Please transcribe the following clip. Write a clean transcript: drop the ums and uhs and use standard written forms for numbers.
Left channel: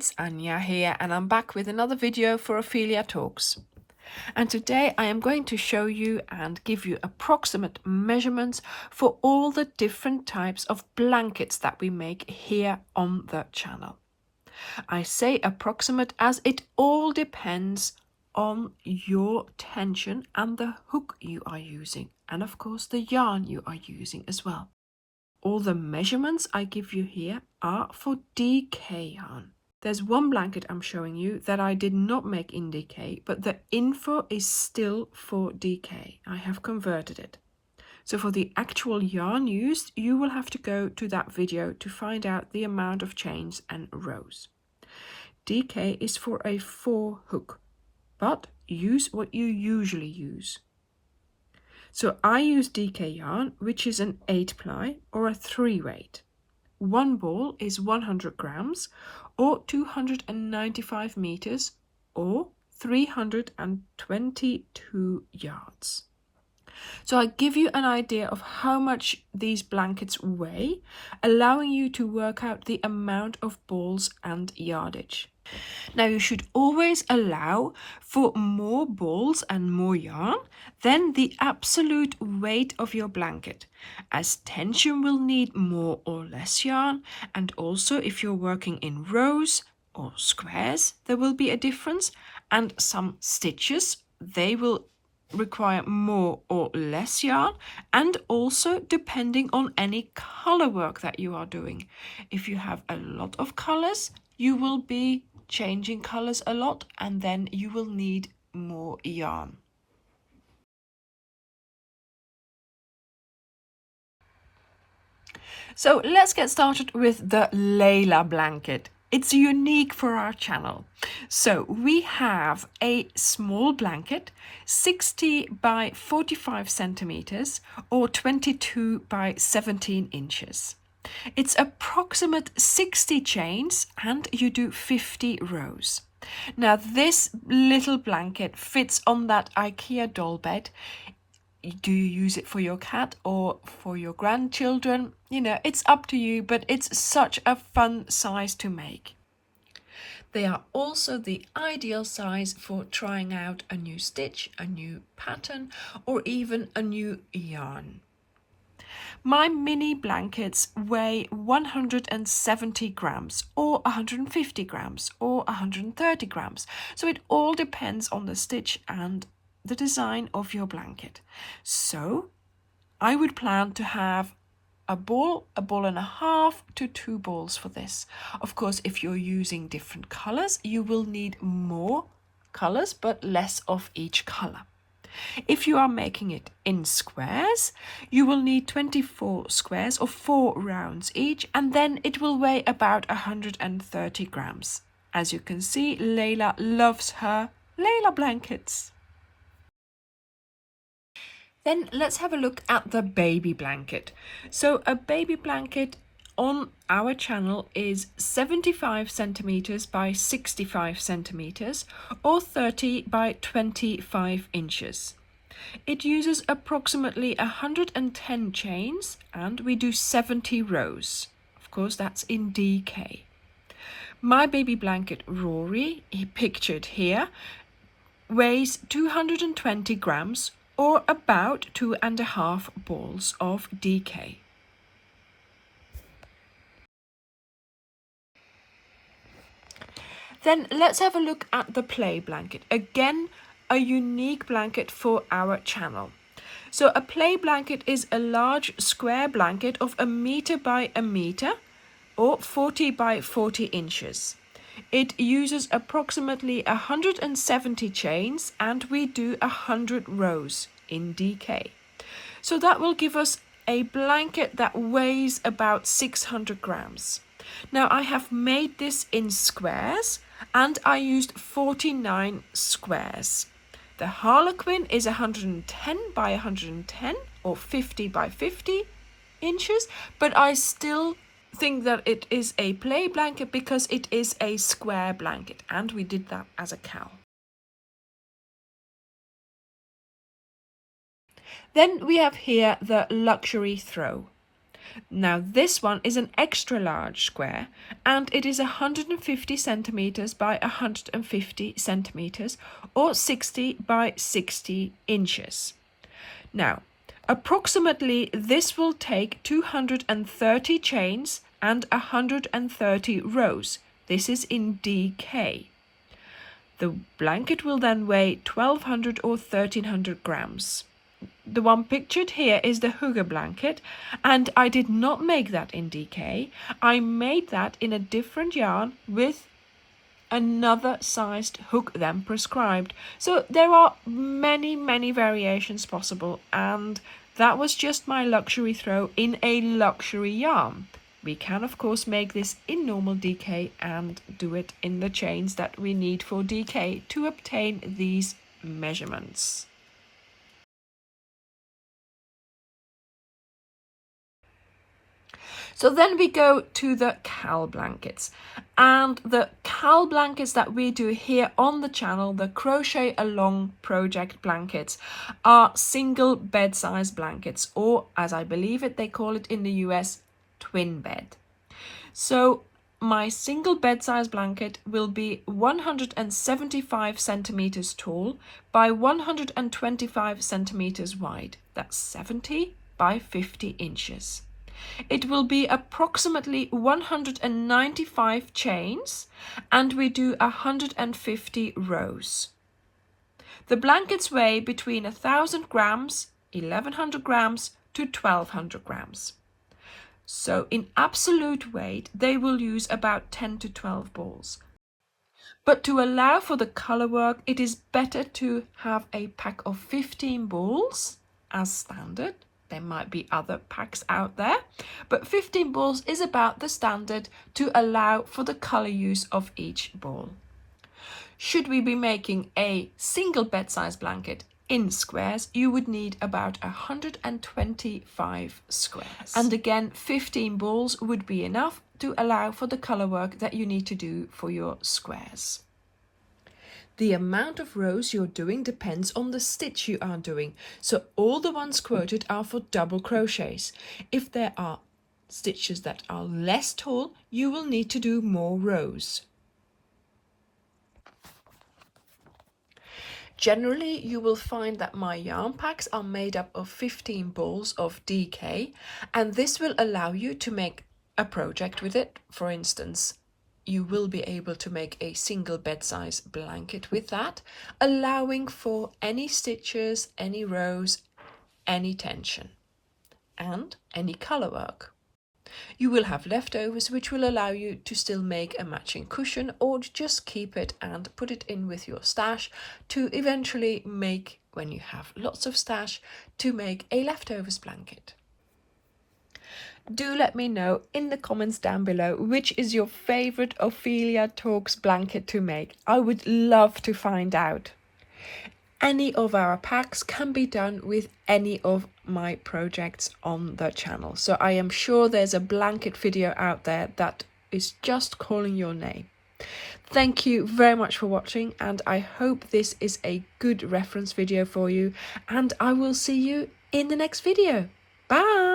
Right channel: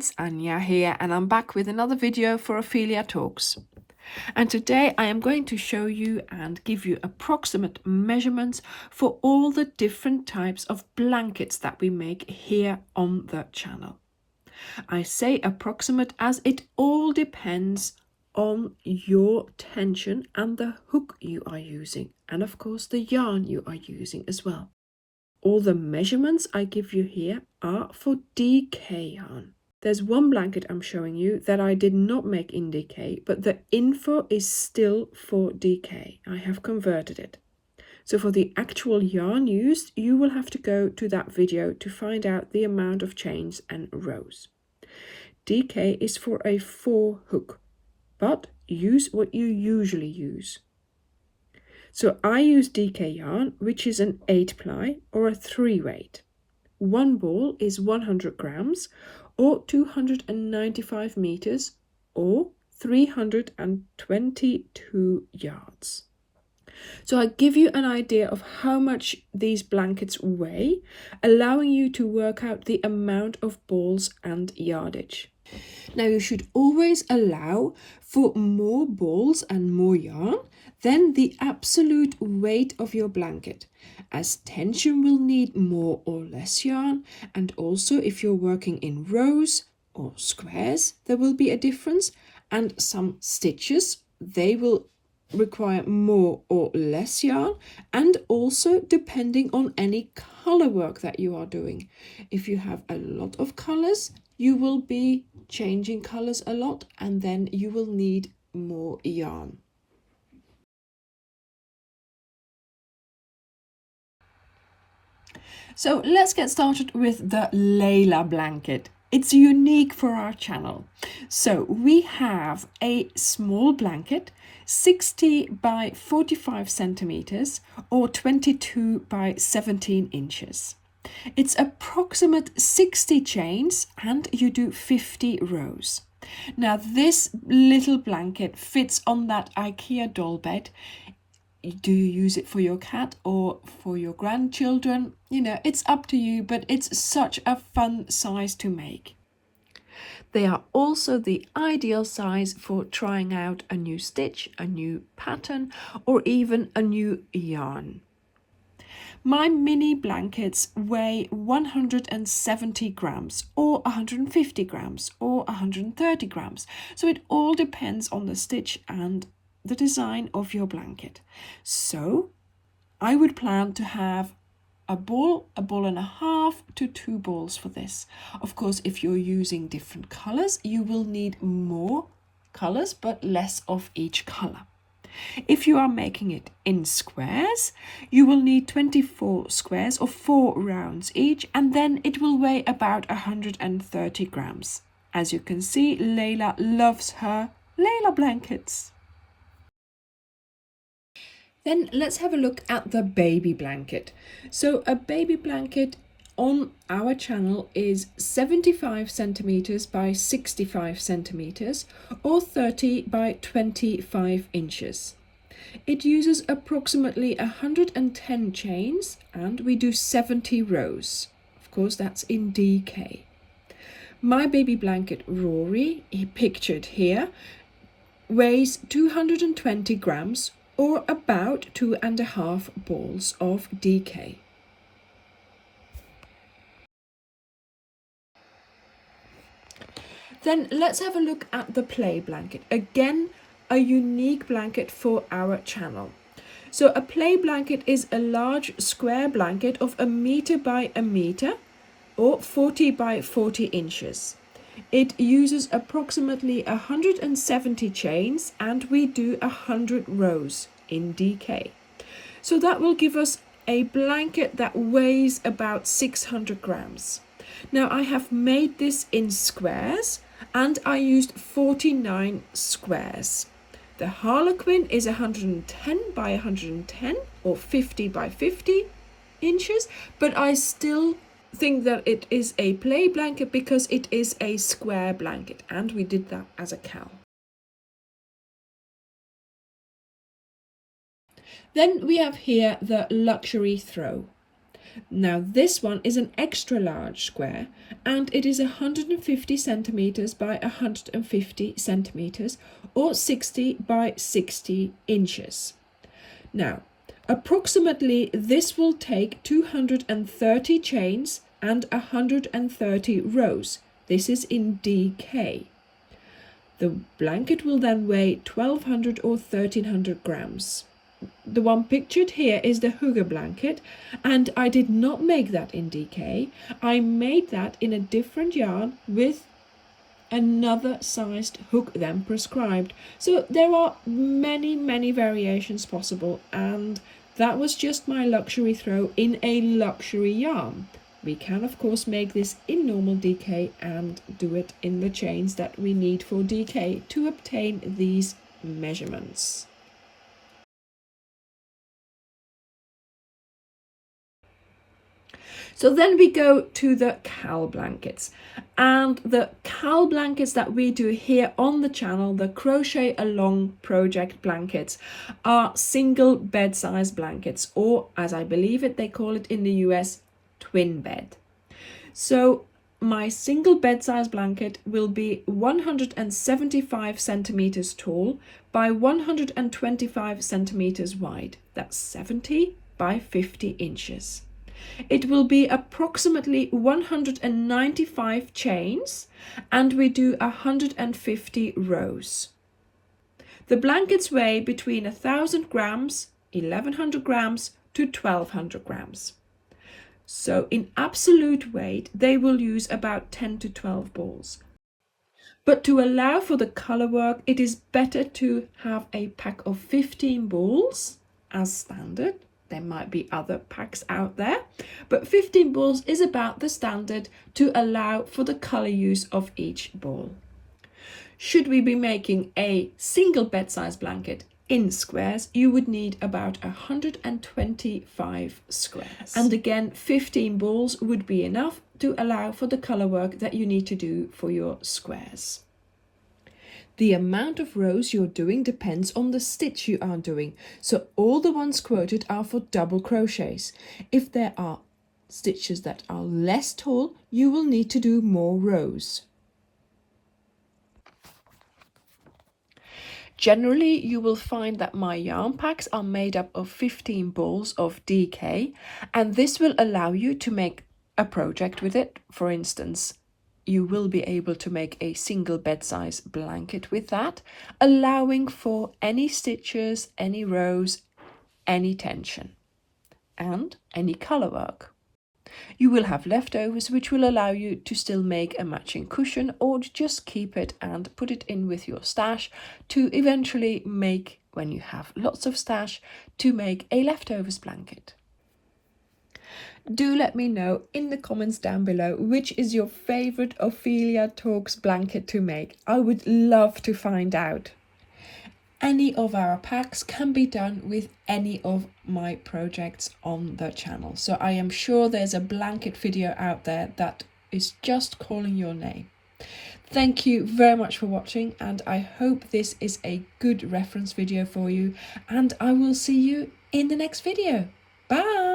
it's Anja here, and I'm back with another video for Ophelia Talks. And today I am going to show you and give you approximate measurements for all the different types of blankets that we make here on the channel. I say approximate as it all depends on your tension and the hook you are using, and of course the yarn you are using as well. All the measurements I give you here are for DK yarn. There's one blanket I'm showing you that I did not make in DK, but the info is still for DK. I have converted it. So for the actual yarn used, you will have to go to that video to find out the amount of chains and rows. DK is for a 4 hook, but use what you usually use. So I use DK yarn, which is an 8 ply or a 3 weight. One ball is 100 grams or 295 meters or 322 yards. So I give you an idea of how much these blankets weigh, allowing you to work out the amount of balls and yardage. Now you should always allow for more balls and more yarn than the absolute weight of your blanket, as tension will need more or less yarn, and also if you're working in rows or squares there will be a difference, and some stitches they will require more or less yarn, and also depending on any color work that you are doing. If you have a lot of colors, you will be changing colors a lot, and then you will need more yarn. So let's get started with the Layla blanket. It's unique for our channel. So we have a small blanket, 60 by 45 centimeters or 22 by 17 inches. It's approximate 60 chains and you do 50 rows. Now this little blanket fits on that IKEA doll bed. Do you use it for your cat or for your grandchildren? You know, it's up to you, but it's such a fun size to make. They are also the ideal size for trying out a new stitch, a new pattern, or even a new yarn. My mini blankets weigh 170 grams or 150 grams or 130 grams. So it all depends on the stitch and the design of your blanket. So I would plan to have a ball and a half to 2 balls for this. Of course, if you're using different colors, you will need more colors but less of each color. If you are making it in squares, you will need 24 squares or 4 rounds each, and then it will weigh about 130 grams. As you can see, Layla loves her Layla blankets. Then let's have a look at the baby blanket. So a baby blanket on our channel is 75 centimeters by 65 centimeters or 30 by 25 inches. It uses approximately 110 chains and we do 70 rows. Of course, that's in DK. My baby blanket Rory, pictured here, weighs 220 grams or about 2.5 balls of DK. Then let's have a look at the play blanket. Again, a unique blanket for our channel. So a play blanket is a large square blanket of 1 meter by 1 meter or 40 by 40 inches. It uses approximately 170 chains and we do 100 rows in DK. So that will give us a blanket that weighs about 600 grams. Now I have made this in squares and I used 49 squares. The Harlequin is 110 by 110 or 50 by 50 inches, but I still think that it is a play blanket because it is a square blanket, and we did that as a cowl. Then we have here the luxury throw. Now this one is an extra large square and it is 150 centimeters by 150 centimeters or 60 by 60 inches. Now, approximately this will take 230 chains and 130 rows. This is in DK. The blanket will then weigh 1200 or 1300 grams. The one pictured here is the hugger blanket, and I did not make that in DK. I made that in a different yarn with another sized hook than prescribed. So there are many variations possible, and that was just my luxury throw in a luxury yarn. We can of course make this in normal DK and do it in the chains that we need for DK to obtain these measurements. So then we go to the cowl blankets, and the cowl blankets that we do here on the channel, the Crochet Along project blankets, are single bed size blankets, or as I believe it, they call it in the US, twin bed. So my single bed size blanket will be 175 centimeters tall by 125 centimeters wide. That's 70 by 50 inches. It will be approximately 195 chains and we do 150 rows. The blankets weigh between 1000 grams, 1100 grams to 1200 grams. So in absolute weight, they will use about 10 to 12 balls. But to allow for the color work, it is better to have a pack of 15 balls as standard. There might be other packs out there, but 15 balls is about the standard to allow for the color use of each ball. Should we be making a single bed size blanket in squares, you would need about 125 squares. And again, 15 balls would be enough to allow for the color work that you need to do for your squares. The amount of rows you're doing depends on the stitch you are doing. So all the ones quoted are for double crochets. If there are stitches that are less tall, you will need to do more rows. Generally, you will find that my yarn packs are made up of 15 balls of DK, and this will allow you to make a project with it. For instance, you will be able to make a single bed size blanket with that, allowing for any stitches, any rows, any tension, and any color work. You will have leftovers which will allow you to still make a matching cushion or just keep it and put it in with your stash to eventually make, when you have lots of stash, to make a leftovers blanket. Do let me know in the comments down below which is your favorite Ophelia Talks blanket to make. I would love to find out. Any of our packs can be done with any of my projects on the channel. So I am sure there's a blanket video out there that is just calling your name. Thank you very much for watching, and I hope this is a good reference video for you, and I will see you in the next video. Bye!